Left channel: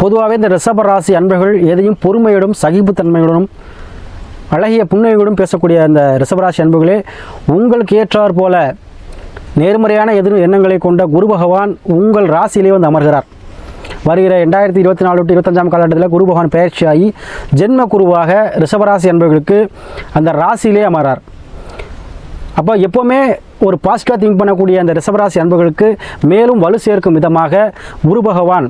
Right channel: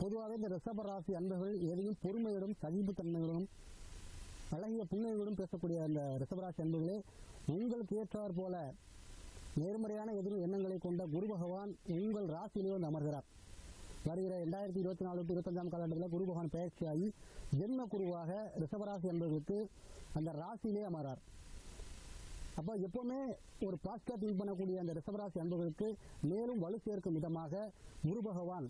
பொதுவாகவே இந்த ரிஷப ராசி அன்பர்கள் எதையும் பொறுமையோடும் சகிப்புத்தன்மையுடனும் அழகிய புன்னகையோடும் பேசக்கூடிய அந்த ரிஷபராசி அன்புகளே உங்களுக்கு ஏற்றார் போல நேர்மறையான எதிர் எண்ணங்களை கொண்ட குரு பகவான் உங்கள் ராசியிலே வந்து அமர்கிறார். வருகிற ரெண்டாயிரத்தி இருபத்தி நாலு டு இருபத்தஞ்சாம் காலகட்டத்தில் குரு பகவான் பயிற்சியாகி ஜென்ம குருவாக ரிஷபராசி என்பவர்களுக்கு அந்த ராசியிலே அமர்றார். அப்போ எப்போவுமே ஒரு பாசிட்டிவாக திங்க் பண்ணக்கூடிய அந்த ரிஷபராசி அன்புகளுக்கு மேலும் வலு சேர்க்கும் விதமாக குரு பகவான்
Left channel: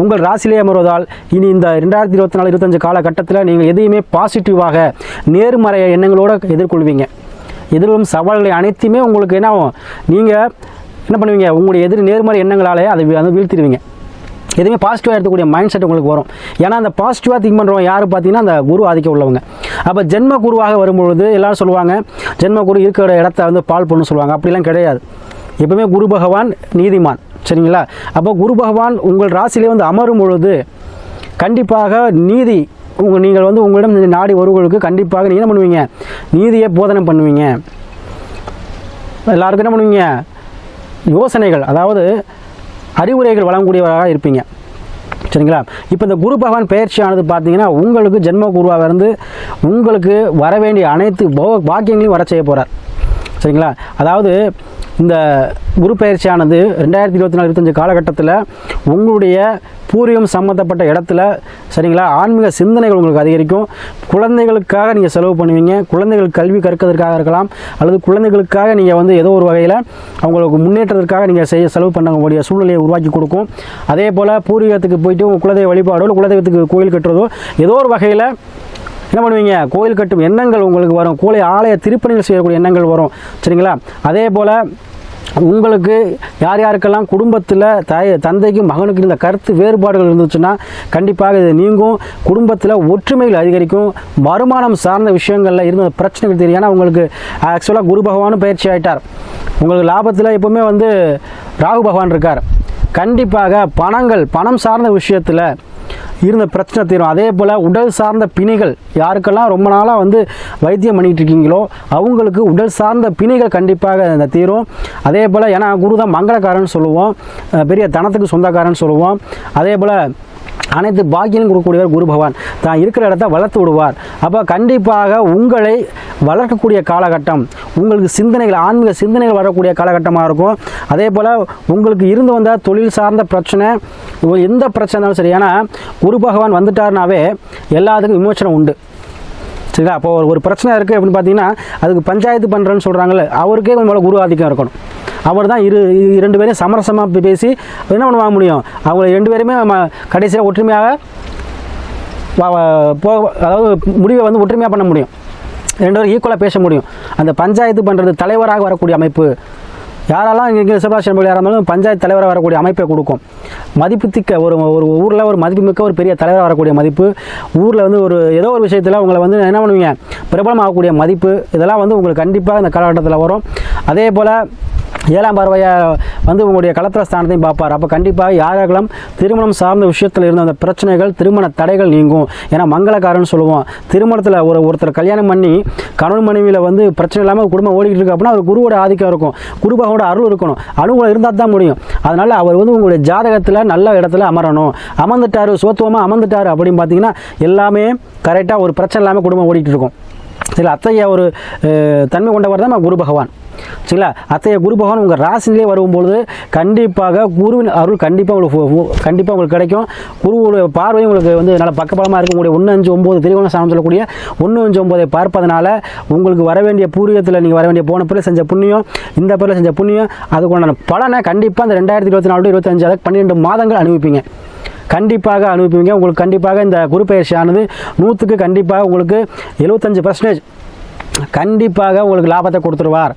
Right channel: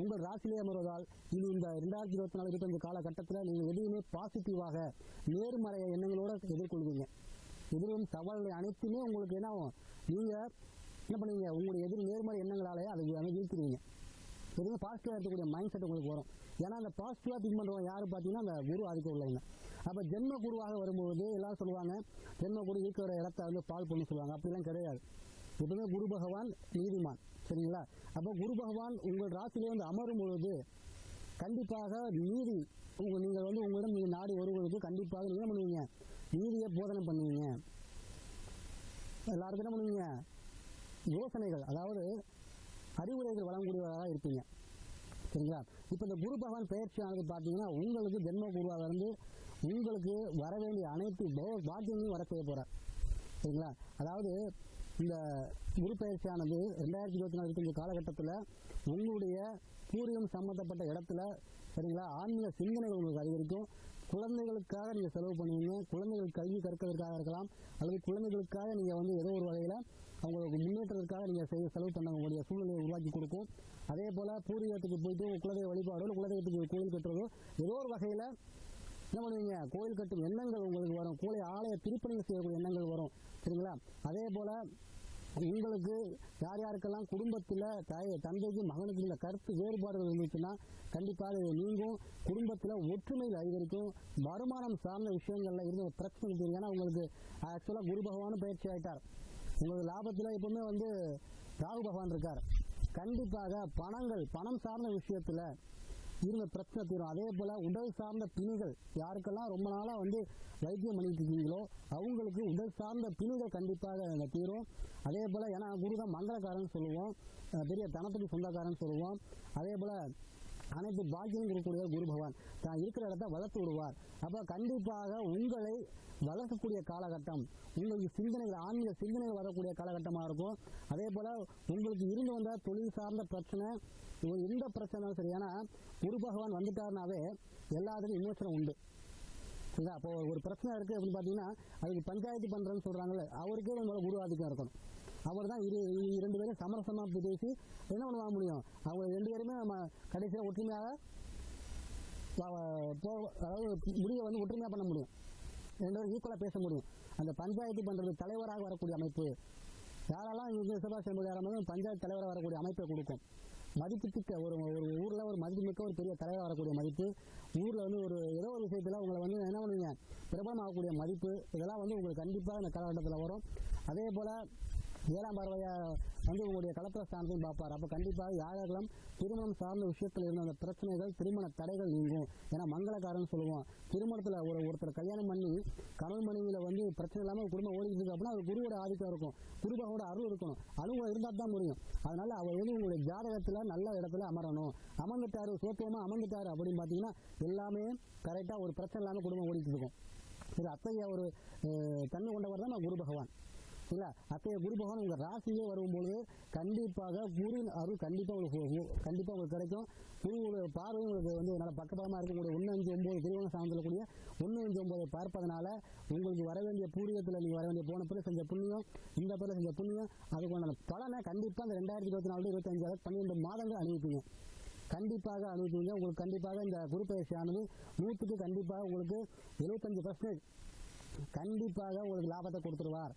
உங்கள் ராசிலே அமர்வதால் இனி இந்த ரெண்டாயிரத்தி இருபத்தி நாலு இருபத்தஞ்சு காலகட்டத்தில் நீங்கள் எதையுமே பாசிட்டிவாக நேர்மறை எண்ணங்களோடு எதிர்கொள்வீங்க. எதிர்வரும் சவால்களை அனைத்துமே உங்களுக்கு என்ன ஆகும்? நீங்கள் என்ன பண்ணுவீங்க? உங்களுடைய எதிர் நேர்மறை எண்ணங்களாலே அதை வந்து அதை வீழ்த்திடுவீங்க. எதுவுமே பாசிட்டிவாக எடுக்கக்கூடிய மைண்ட் செட் உங்களுக்கு வரும். ஏன்னா அந்த பாசிட்டிவாக திங்க் பண்ணுறவங்க யார் பார்த்தீங்கன்னா அந்த குரு ஆதிக்க உள்ளவங்க. அப்போ ஜென்ம குருவாக வரும்பொழுது எல்லாரும் சொல்லுவாங்க ஜென்ம குரு இருக்கிற இடத்த வந்து பால் பண்ணு சொல்லுவாங்க. அப்படிலாம் கிடையாது. எப்பவுமே குரு பகவான் நீதிமான். சரிங்களா? அப்போ குரு பகவான் உங்கள் ராசியிலே வந்து அமரும் பொழுது கண்டிப்பாக நீதி உங்கள் நீங்கள் வந்து உங்களிடம் நாடி வருவர்களுக்கு கண்டிப்பாக நீங்கள் என்ன பண்ணுவீங்க? நீதியை போதனை பண்ணுவீங்க. எல்லாருக்கும் என்ன பண்ணுவீங்க? யோசனைகள் அதாவது அறிவுரைகள் வழங்கக்கூடியவராக இருப்பீங்க. சரிங்களா? இப்போ இந்த குரு பகவான் பயிற்சியானது பார்த்தீங்கன்னா உங்களுக்கு ஜென்ம குருவாக இருந்து உங்களுக்கு வர வேண்டிய அனைத்து போ- பாக்கியங்களையும் வர செய்ய போகிறார் சரிங்களா? அதாவது இந்த குரு பயிற்சியானது ரெண்டாயிரத்தி இருபத்தி நாலு இருபத்தஞ்சு காலகட்டத்தில் உங்களுடைய பூர்வீகம் சம்மந்தப்பட்ட இடத்துல சரிங்களா ஆன்மீக சிந்தனைகள் உங்களுக்கு அதிகரிக்கும். குழந்தைகளுக்காக நீங்கள் செலவு பண்ணுவீங்க. குழந்தைகள் கல்வி கற்கிறதுக்காக இருக்கலாம் அல்லது குழந்தைகளுக்காக நீங்கள் வந்து ஏதோ ஒரு வகையில் அவங்களுக்கு முன்னேற்றத்திற்காக நீங்கள் செய்ய செலவு பண்ணக்கூடிய சூழ்நிலையை உருவாக்கி கொடுக்கும். அதே போல் பூர்வீகத்துக்கு போயிட்டு உங்கள் குலதெய்வ வழிபாடோ குலதெய்வத்துக்கு கோயில் கட்டுறதோ ஏதோ ஒரு வகையில் என்ன பண்ணுவீங்க? கோயில் கட்டும் எண்ணங்கள் உங்களுக்கு வரும். கோலை ஆலய திருப்பணிகள் செய்யக்கூடிய எண்ணங்கள் வரும். சரிங்களா? அதே போல் உங்களுக்கு யார் யாருக்கெல்லாம் குடும்பத்தில் தாய் தந்தைக்கும் மகனுக்கு இந்த கருத்து வேறுபாடுகள் இருந்துச்சுன்னா கண்டிப்பாக இது நீங்கும். குடும்பத்தில் ஒற்றுமைகள் அதிகரிக்கும். வருமானம் சார்ந்த விஷயங்களில் இருந்த பிரச்சனைகள் தெரியும். ஏன்னா உங்களுக்கு ஆக்சுவலாக குரு பகவானும் பயிற்சி ஆகிட்டார் உங்களுக்கு லாபத்தில் எப்போவுமே வந்து ராகு பகவான் இருக்கார். கண்டிப்பாக பணங்கள் பணம் சார்ந்த விஷயத்தில் இருந்த பிரச்சனை தீரும். அதே போல் உடல் சார்ந்த பிணைகள் யாருக்கெல்லாம் ரொம்ப நாளாக வந்து வைத்தியம் பண்ணிட்டு இருக்கீங்களோ அவங்களுக்கு உடல் சார்ந்த பிணைகள் கண்டிப்பாக இந்த தீரும். அதே போல் ஏன்னா குரு தான் மங்களக்காரன் சொல்லுவோம். பெரிய தனத்துக்கு சொந்தக்காரன் சொல்லுவோம். அதே போல் அனைத்து பாக்கியம் கொடுக்கக்கூடியவர் குரு பகவான். தான் இருக்கிற இடத்த வளர்த்து விடுவார். அப்போ கண்டிப்பாக உங்களை வளர்க்கக்கூடிய காலகட்டம் உங்களுக்கு சிந்தனைகள் ஆன்மீக சிந்தனைகள் வரக்கூடிய காலகட்டமாக இருக்கும். அதே போல் உங்களுக்கு இருந்து வந்த தொழில் சார்ந்த பிரச்சனை எந்த பிரச்சனை இருந்தாலும் சரி ஏன்னா குரு பகவான் வந்துட்டாருனாவே எல்லாத்துக்கும் விமோச்சனம் உண்டு. சரிங்களா? அப்போ ஒரு ஒரு பிரச்சனை இருக்குது அப்படின்னு பார்த்தீங்கன்னா அதுக்கு பஞ்சாயத்து பண்ணுறேன்னு சொல்கிறாங்கல்ல அவருக்கே கொஞ்சம் குரு ஆதிக்கம் இருக்கணும். அவர் தான் இரு இரண்டு ரெண்டு பேரையும் சமரசமாக பேசி என்ன பண்ண வாங்க முடியும்? அவங்க ரெண்டு பேருமே நம்ம கடைசியாக ஒற்றுமையாக போக போ அதாவது முடிவை வந்து ஒற்றுமையாக பண்ண முடியும். ரெண்டு பேரும் ஈக்குவலாக பேச முடியும். அந்த பஞ்சாயத்து பண்ணுறது தலைவராக வரக்கூடிய அமைப்பு. யாரெல்லாம் இங்கே சிவராசி நண்பர்கள் யாராக இருந்தாலும் பஞ்சாயத்து தலைவராக வரக்கூடிய அமைப்பை கொடுக்கும். மதிப்புத்திக்க ஒரு ஒரு ஊரில் ஒரு மதிப்புமிக்க ஒரு பெரிய தலைவராக வரக்கூடிய மதிப்பு. ஊரில் வந்து ஒரு ஏதோ ஒரு விஷயத்தில் உங்களை வந்து என்ன பண்ணுவீங்க? பிரபலமாகக்கூடிய மதிப்பு. இதெல்லாம் வந்து உங்களுக்கு கண்டிப்பாக இந்த காலகட்டத்தில் வரும். அதே போல் ஏழாம் பார்வையாக வந்து உங்களுடைய கலத்திர ஸ்தானத்தையும் பார்ப்பார். அப்போ கண்டிப்பாக யாரெல்லாம் திருமணம் சார்ந்த விஷயத்தில் இருந்த அந்த பிரச்சனைகள் திருமண தடைகள் நீங்கும். ஏன்னா மங்களக்காரன்னு சொல்லுவோம். திருமணத்தில் ஒரு ஒருத்தர் கல்யாணம் பண்ணி கணவன் மனைவியில் வந்து பிரச்சனை இல்லாமல் குடும்பம் ஓடிக்கிட்டு இருக்கு அப்படின்னா அவர் குருவோட ஆதிக்கம் இருக்கும். குருபாவோட அருள் இருக்கணும். அனுகூலம் இருந்தால் தான் முடியும். அதனால் அவர் வந்து உங்களுடைய ஜாதகத்தில் நல்ல இடத்துல அமரணும். அமர்ந்துட்டாரு சோத்துவமாக அமர்ந்துட்டாரு அப்படின்னு பார்த்தீங்கன்னா எல்லாமே கரெக்டாக ஒரு பிரச்சனை இல்லாமல் குடும்பம் ஓடிக்கிட்டு இருக்கும். சரி அத்தகைய ஒரு தன்மை கொண்டவர் தான் குரு பகவான். சரிங்களா? அத்தகைய குரு பகவான் உங்கள் ராசினிலே வரும்பொழுது கண்டிப்பாக குருவின் அருள் கண்டிப்பாக உங்களுக்கு கண்டிப்பாக உங்களுக்கு கிடைக்கும். குருவுடைய பார்வையும் உங்களுக்கு வந்து நல்ல பக்கபலமாக இருக்கக்கூடிய ஒன்று அஞ்சு ஒம்பது திருவோண சாணம் சொல்லக்கூடிய ஒன்று அஞ்சு ஒம்பதை பார்ப்பதனால உங்களுக்கு வர வேண்டிய பூர்வீகத்தில் நீங்கள் வர வேண்டிய போன பிறகு செஞ்ச புண்ணியம் இந்த பேரில் செஞ்ச புண்ணியம் அதுக்குண்டான பலனை கண்டிப்பாக இந்த ரெண்டாயிரத்தி இருபத்தி நாலு இருபத்தஞ்சு அதாவது பன்னிரெண்டு மாதங்கள் அனுபவிப்பீங்க. கண்டிப்பாக அனுபவிப்பீங்க. உங்களுக்கு கண்டிப்பாக இந்த குரு பயிற்சியானது நூற்றுக்கு கண்டிப்பாக உங்களுக்கு எழுபத்தஞ்சு பர்சன்டேஜ் கண்டிப்பாக உங்களுக்கு லாபத்தை கொடுத்துருவார்.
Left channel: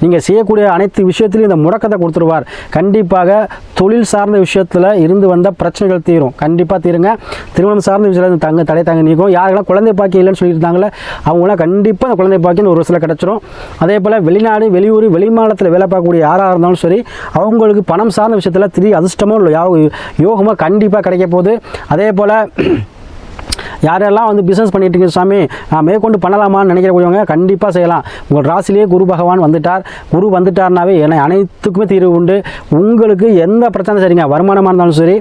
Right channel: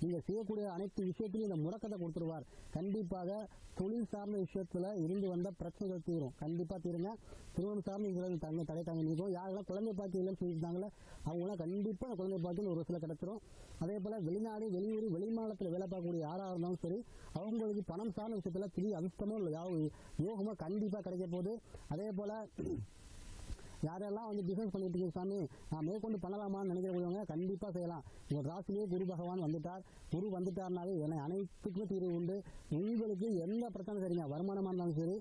நீங்கள் செய்யக்கூடிய அனைத்து விஷயத்திலையும் இந்த முடக்கத்தை கொடுத்துருவார். கண்டிப்பாக தொழில் சார்ந்த விஷயத்தில் இருந்து வந்த பிரச்சனைகள் தீரும். கண்டிப்பாக தீருங்க. திருமணம் சார்ந்த விஷயத்தில் தங்க தடை தாங்க நீக்கும் யாரெல்லாம் குழந்தை பாக்கியம் இல்லைன்னு சொல்லியிருந்தாங்களே அவங்களாம் கண்டிப்பாக அந்த குழந்தை பாக்கியம் ஒரு வருஷத்தில் கிடச்சிரும். அதே போல் வெளிநாடு வெளியூர் வெளிமாநிலத்தில் வேலை பார்க்கக்கூடிய யாராக இருந்தாலும் சரி அவங்களுக்கு பணம் சார்ந்த விஷயத்தில் திரி அதிர்ஷ்டமோ இல்லை யோ- யோகமோ கண்டிப்பாக கிடைக்க போகுது. அதே போல் யாரெல்லாம் வந்து பிஸ்னஸ் பண்ணிட்டு இருக்கீங்க சாமி நான் மேற்கொண்டு பண்ணலாமான்னு நினைக்கிறவங்க கண்டிப்பாக செய்யலாம். உங்கள் ராசிலேயே குரு பகவான் வந்துட்டார். குரு வந்துட்டார்னாவே என்னை அனைத்துக்குமே தீர்வு உண்டு. உங்களுக்கு எந்த பிரச்சனை சரிங்க. வருமானமாக இருந்தாலும் சரி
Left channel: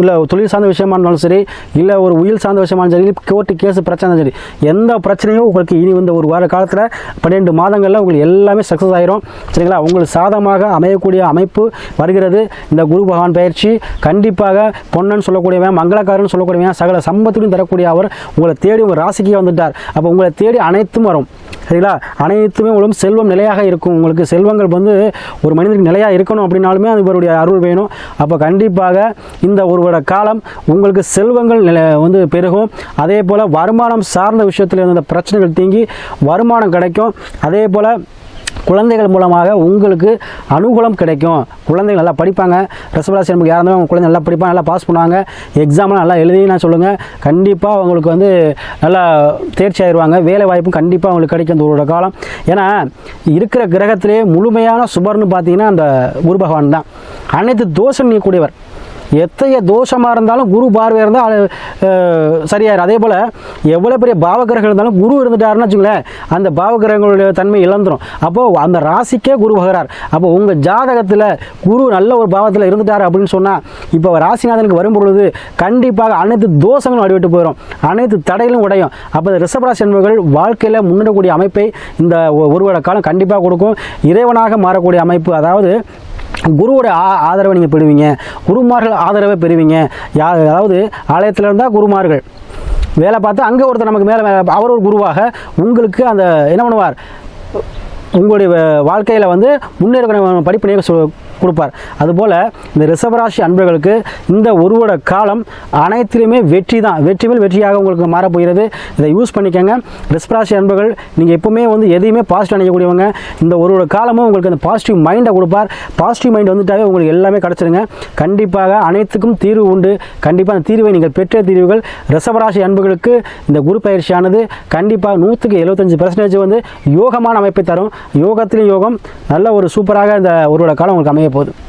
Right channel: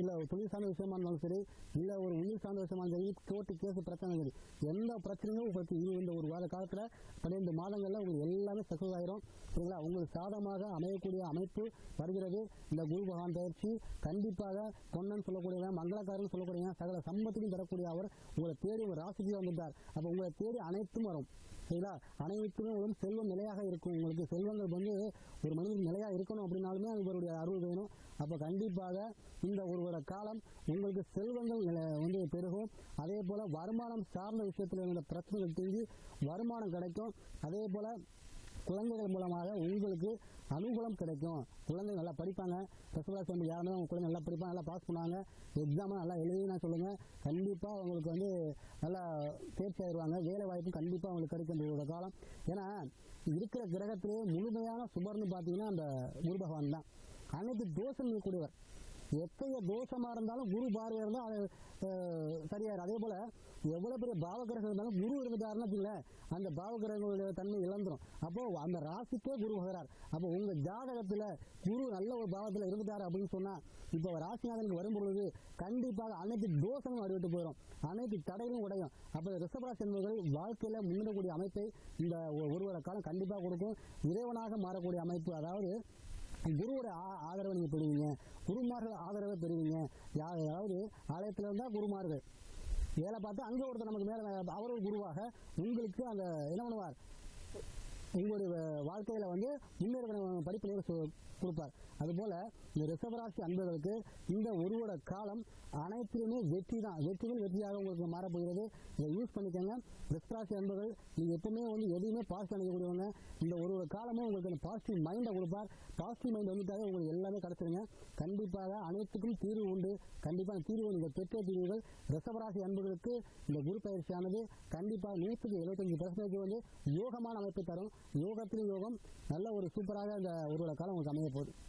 இல்லை தொழில் சார்ந்த விஷயமா இருந்தாலும் சரி இல்லை ஒரு உயிர் சார்ந்த விஷயமா இருந்தாலும் சரி கோர்ட்டு கேஸ் பிரச்சனை சரி எந்த பிரச்சனையும் உங்களுக்கு இனி இந்த ஒரு வார காலத்தில் பன்னெண்டு மாதங்களில் உங்களுக்கு எல்லாமே சக்ஸஸ் ஆயிரும். சரிங்களா? உங்களுக்கு சாதமாக அமையக்கூடிய அமைப்பு வருகிறது. இந்த குரு பகவான் பயிற்சி கண்டிப்பாக பொன்னன் சொல்லக்கூடியவன் மங்களக்காரன் சொல்லக்கூடியவன் சகல சம்பத்துக்கும் தரக்கூடிய அவர் உங்களை தேடி உங்கள் ராசிக்கே வந்துட்டார். அப்போ உங்களை தேடி அனைத்தும் வரும். சரிங்களா? அனைத்துமே உங்களுக்கு செல்வம் நிலையாக இருக்கும். உங்களுக்கு செல்வங்கள் வந்து ஒரு மனிதனுக்கு நிலையாக இருக்கணும் அப்படின்னாலுமே அது இவருடைய அருள் வேணும். அப்போ கண்டிப்பாக இந்த ஒரு காலம் உங்களுக்கு செல்வங்கள் நிலை வந்து பெருகும். அதே போல் வருமானம் சார்ந்த விஷயத்தில் இருந்த பிரச்சனைகள் தீங்கி வருமானம் கிடைக்கும். அதே போல் குழந்தைகள் மூலமாக உங்களுக்கு அனுகூலம் கிடைக்கும். குழந்தைகள் நல்லா படிப்பாங்க. ரிசர்வராசி நமக்கு யாராக இருந்தாலும் அவங்க குழந்தை நல்லா படிப்பாங்க நல்லா பாஸ் பண்ணுவாங்க. எக்ஸாம்லாம் நல்லா எழுதி நான் சொல்லுங்கள் கண்டிப்பாக அவங்களுக்கு வந்து நல்லா தேர்ச்சி ஆயிடுவாங்க வேலை வாய்ப்பும் கண்டிப்பாக அவங்களுக்கு கிடைக்கும் அந்த ஒரு காலம். ஏன்னா இருக்கிற கிரகத்திலே முழுமையான சுபர்னு பார்த்தீங்கன்னா அந்த குரு பகவான் தான். அனைத்து தோஷம் நீக்கக்கூடியவர். எத்தகைய தோஷமாக இருந்தாலும் குரு பார்வையாக இருந்தால் சரியாயிரும். அதே போல் எவ்வளோ பெரிய பாவகிரகம் இருந்தாலும் குரு இருந்துட்டாருன்னு வச்சுங்களேன் அந்த பாவகிரகங்களுடைய தன்மை இழந்துரும். அப்போது அந்த ராசிக்கே குரு வகிறார் அப்போ உங்கள் ஜாதகத்தில் குரு நல்ல ஒரு பாவத்தில் இருந்துட்டார் அப்படின்னு சொன்னால் இப்போ ராசிநாதனுக்கு வரும் பொழுது கண்டிப்பாக அனைத்து தோஷங்களும் அடிவிட்டு போயிடும் அனைத்து தடைகளும் உடையும். அப்போ இந்த ரிஷபராசி என்பவர்கள் வாழ்க்கையில் முன்னேறக்கூடிய அமைப்பை இந்த ஒரு வருட காலம் கண்டிப்பாக கொடுக்கும். இறைவனாக மாறக்கூடிய அமைப்பு அதாவது குருவோட ஆ ஆதரவை நீங்கள் பெறுவீங்க. குருமார்கள் ஆதரவை பெறுவீங்க. யா அதாவது ஆலயத்தில் இருந்தால் குருமார்கள். வேலை பார்த்து அங்கே ஒருத்தர் நமக்கு மேலே அவர் ஒரு குருவாக உங்களுக்கு அந்த என்ன பண்ணுவார்? உங்களுடைய வாழ்க்கையில் வந்து முன்னேற்ற படிப்பு சொ கொடுப்பார். அதுபோல் இந்த ரிஷபராசி அன்பர்களுக்கு இந்த ஒரு வருட காலம் அனைத்திலுமே வெற்றி தான். வெற்றி மேல் வெற்றியாக உங்களுக்கு மாறப்போகிறது இதை யூஸ் பண்ணிக்கோங்க. ரிஷபராசி அன்பர்கள் நீங்கள் எப்பவுமே வந்து எதையுமே பாசிட்டிவ் நினைக்கக்கூடியவங்க. இந்த ஒரு வருட காலமும் உங்களுக்கு அந்த பாசிட்டிவ் மைண்டை கொடுப்பார். பாசிட்டிவ் மைண்ட் வந்துட்டாவே உங்களுக்கு எல்லாமே கிடச்சிருங்க. கண்டிப்பாக அனைத்துக்கும் தீர்வு உண்டு. கண்டிப்பாக அந்த தீர்வை நீங்கள் பெற்ற தீர்வுகள் ரிஷபராசி அன்புகளுக்கு இந்த குரு பயிற்சியானது கண்டிப்பாக நூற்றுக்கு எழுபத்தஞ்சு பர்சன்டேஜ் வந்து யோகமான அமைப்பை தரும். யோகத்திலும் யோகம். நல்ல ஒரு சூப்பராக இந்த ஒரு காலம் உங்களுக்கு அமைய que puedo.